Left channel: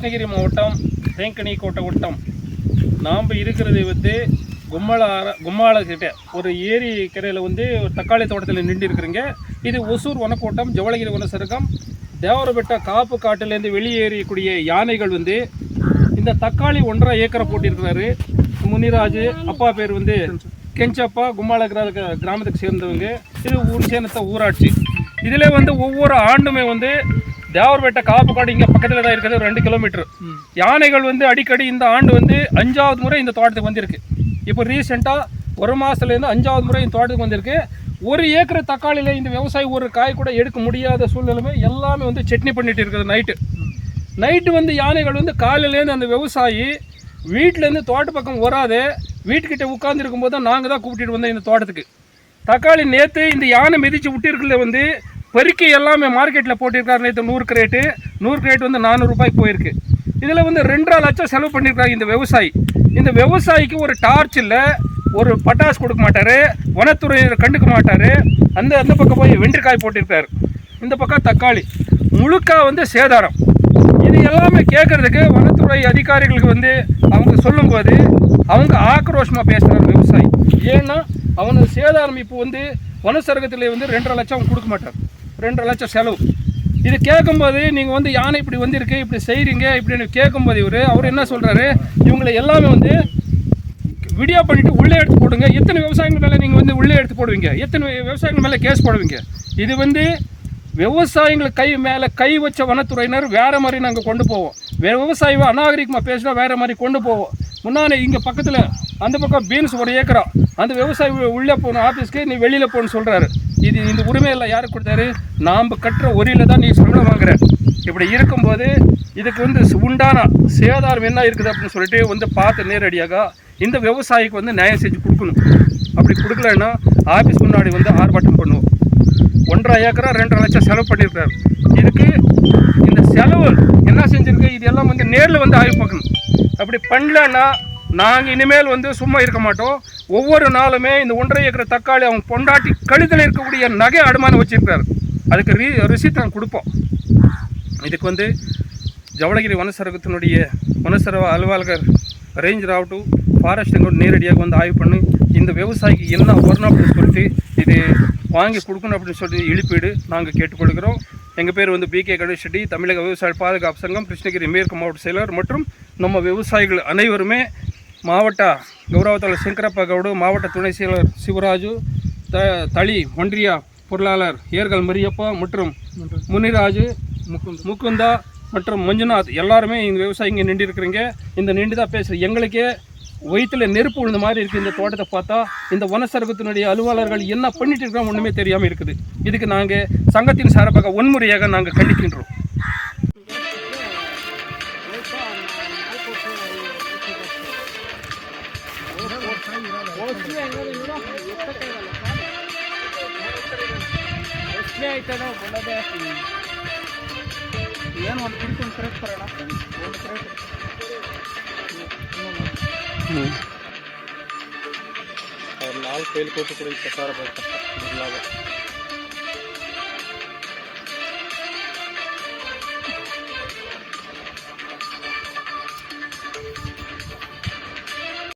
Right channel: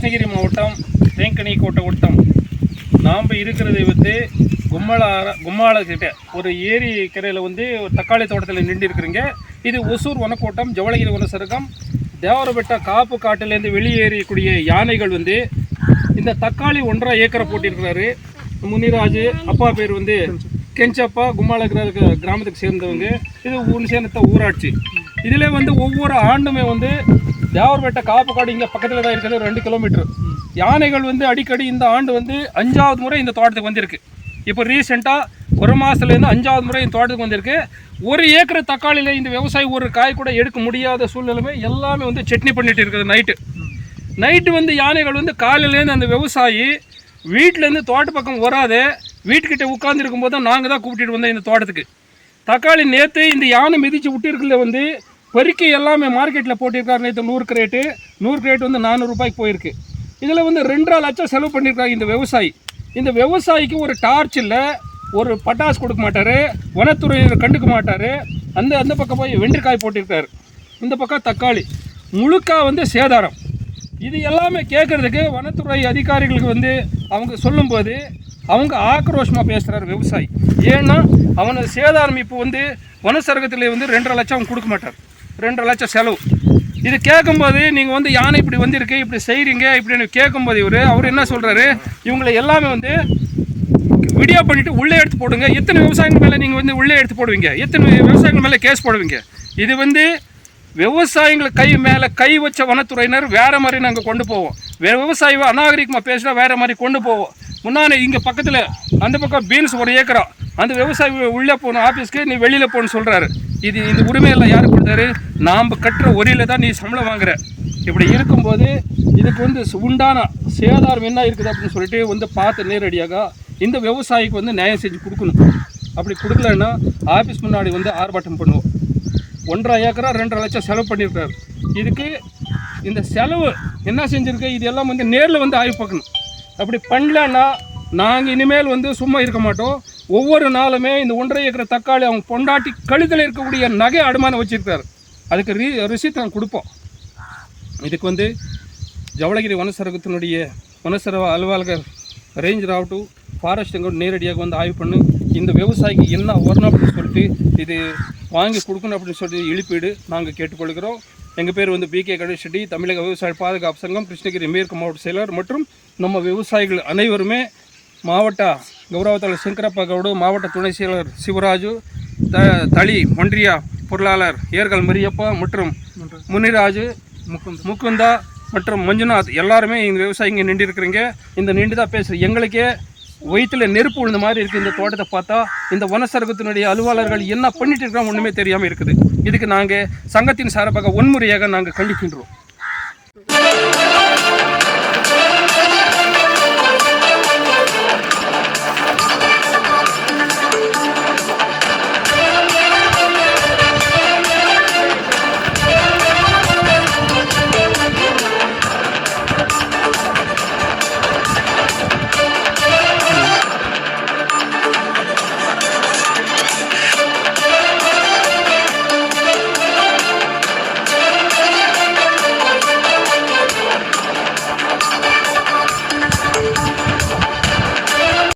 கிருஷ்ணகிரி மாவட்டம் தேங்கனி கோட்டை வட்டம். நாம் இருக்கிறதை வந்து கும்மாள கும்மாளக்கிட்ட ஒரு ஏரி கரையில் வந்து ஒரு தக்காளி தோட்டத்தில் நின்று இருக்கிறீங்க. இது ஒசூர் வனக்கோட்டம் ஜவளகிரி வனசருகம் தேவரபெட்டா காப்பு காட்டிலேருந்து வெளியேறியக்கூடிய யானைகள் வந்து இந்த தக்காளி ஒன்றரை ஏக்கரை போட்டிருக்கிறாரு. முனிராஜ் அப்பா பேர் வந்து கெஞ்சப்பா கும்மாளக்கிற கிரா- கிராமத்துக்கு சேர்ந்தவங்க. இது ஊர் சேர்ந்த ஊராட்சி. இதில் வந்து ஒவ்வொரு ஆண்டுமே வந்து தேவர்பேட்டை காப்பு காடு இங்கே பக்கத்தில் தான் இருக்கிறது ரெண்டு கிலோமீட்டர் யானைகள் வந்து அடிக்கடி இந்த ஆண்டு வந்து அஞ்சாவது முறை இந்த தோட்டத்துக்கு வந்திருக்கு. இப்போ ரீசெண்டாக ஒரு மாதத்துலேருந்து அஞ்சாவது முறை இந்த தோட்டத்துக்கு வந்திருக்கு. ஒரு ஏக்கர் தக்காளியில் இந்த விவசாயி ஒரு காய் கூட எடுக்க முடியாத சூழ்நிலைமை எல்லாமே வந்து சட்னி பண்ணிட்டு இருக்குது நைட்டு நைட்டு வந்து யானைகள் வந்து காலையிலேருந்து அந்த விவசாயி வீட்டிலேருந்து தோட்ட பக்கம் வராது வீட்டுக்கிட்ட உட்காந்துருக்கும் போது தான் நாங்கள் தான் கூப்பிட்டுட்டு வந்தோம் இந்த தோட்டத்துக்கு. தக்காளி நேற்று இந்த யானை மிதித்து விட்டிருக்கல வந்து பெருக்கி எல்லாமே மார்க்கெட்டில் போட்டிருக்காரு. நேற்று நூறு கிரேட்டு நூறு கிரேட் வந்து நானூறுரூபாய்க்கு போயிருக்கு. இதில் வந்து ரெண்டரை லட்சம் செலவு பண்ணியிருக்காங்க இந்த விவசாயி. இந்த விவசாயிக்கு ஒரு டார்ச் இல்லை ஒரு பட்டாசு கொடுக்க மாட்டார் வனத்துறையினர் கண்டுக்க மாட்டார். அந்த அந்த பக்கம் போய் வெண்டைக்காய் போட்டிருக்காரு. இந்த பக்கம் தக்காளி. முழுக்கா வந்து சேதாரம். இது எல்லாமே கேட்குறதுக்கு வனத்துறை அதிகாரிகளுக்கு வந்து அவங்க சொல்லும்போது அவங்க ஆக்ரோஷமாக பேசுகிறார் விவசாயி. ஏன்னா அவனுக்கு சேதாரம் இப்போ வந்து வனசரகத்தில் வந்து ரெண்டரை லட்சம் அவன் கொடுக்க மாட்டார். ரெண்டரை லட்சம் செலவு. இது கேட்கும்போது நீங்கள் வந்து யானை இப்படி வந்திருக்கு இப்படி செய்கிறீங்க இப்படின்னு கேட்கும்போது இவர் அவர் என்ன சொல்கிறாரு இவங்களை எல்லாமே வந்து வீடியோ பண்ணிவிட்டு உள்ளே எடுத்து போடுங்க. எத்தனை விவசாயிகள் மேலே நீங்கள் வந்து உள்ளே எடுத்து போடுவீங்க? எத்தனை விவசாயிகள் மேலே கேஸ் போடுவீங்க? இது வந்து விவசாயிகள் கை மேலே கை வச்ச வனத்துறையினர் வேறு மாதிரி நாங்கள் கொண்டு போவோம். வே- விவசாயி அநாகரிகமாக பேசினா வேறு மாதிரி கொண்டு போவோம். முன்னாடி இங்கே பக்கத்தில் அந்த பக்கம் பீன்ஸ் ஒரு ஏக்கரா. அந்த விவசாயி உள்ளே போகணும் ஆஃபீஸ்க்கு நீ வெளியில் போகணும்னு சொல்கிறாரு இது இந்த உரிமையெல்லாம் யார் கொடுத்தாரு? நாம் கட்டுற ஒரியில் தான் நீ சம்பளம் வாங்குற. இப்படி இருக்கும்போது இதுக்கு வந்து உண்டான சேதாரம் என்ன இருக்குது அப்படின்னு சொல்லிட்டு வந்து பார்த்து நேரடியாக இந்த விவசாயிக்கு வந்து நியாயம் செஞ்சு கொடுக்கணும். அப்படி கொடுக்கலன்னா ஆஃபீஸ் முன்னாடி வந்து ஆர்ப்பாட்டம் பண்ணுவோம். ஒன்றரை ஏக்கரா ரெண்டரை லட்சம் செலவு பண்ணியிருக்காரு. இதுக்கு இந்த செலவு என்ன செஞ்சுருக்கு? இது எல்லாம் வந்து நேரில் வந்து ஆய்வு பார்க்கணும். அப்படி பண்ணலன்னா நாங்கள் இனிமேல் வந்து சும்மா இருக்க மாட்டோம். ஒவ்வொரு நாளுமே இந்த ஒன்றரை ஏக்கர் தக்காளி அவங்க பொண்டாட்டி கழுத்தில் இருக்கக்கூடிய நகை அடமானம் வச்சுருக்காரு அதுக்கு ரீ ரிசீட் நாங்கள் கொடுப்போம். இதுக்கு வந்து ஜவளகிரி வனசரகத்தினுடைய வனசர அலுவலகர் ரேஞ்சர் ஆகட்டும் ஃபாரஸ்ட் கூட நேரடியாக வந்து ஆய்வு பண்ணி இந்த விவசாயிக்கு என்ன வரணும் அப்படின்னு சொல்லிட்டு இது வாங்கி கொடுக்கணும் அப்படின்னு சொல்லிட்டு இழிப்பீடு நாங்கள் கேட்டுக்கொள்கிறோம். எங்கள் பேர் வந்து பி கே கணேஷ் ரெட்டி தமிழக விவசாய பாதுகாப்பு சங்கம் கிருஷ்ணகிரி மேற்கு மாவட்ட செயலர் மற்றும் நம்ம விவசாயிகள் அனைவருமே மாவட்ட கௌரவத்தாளர் சங்கரப்பா கவுடு மாவட்ட துணை செயலர் சிவராஜு த தளி ஒன்றிய பொருளாளர் ஏர்கள் மரியப்பா மற்றும் முனிராஜு முகுந்தா மற்றும் மஞ்சுநாத். எல்லாருமே இந்த விவசாயிங்க நின்று இருக்கிறீங்க இந்த நின்று தான் பேசுகிறேன் எங்களுக்கே வயிற்றுல நெருப்பு விழுந்த மாதிரி இருக்குது இந்த தோட்டத்தை பார்த்தா. இந்த வனசரகத்தினுடைய அலுவலர்கள் என்ன பண்ணிட்டு இருக்கிறோம் ஒன்றுமே தெரியாமல் இருக்குது. இதுக்கு நாங்கள் சங்கத்தின் சார்பாக வன்முறையாக நாங்கள் கண்டிக்கின்றோம்.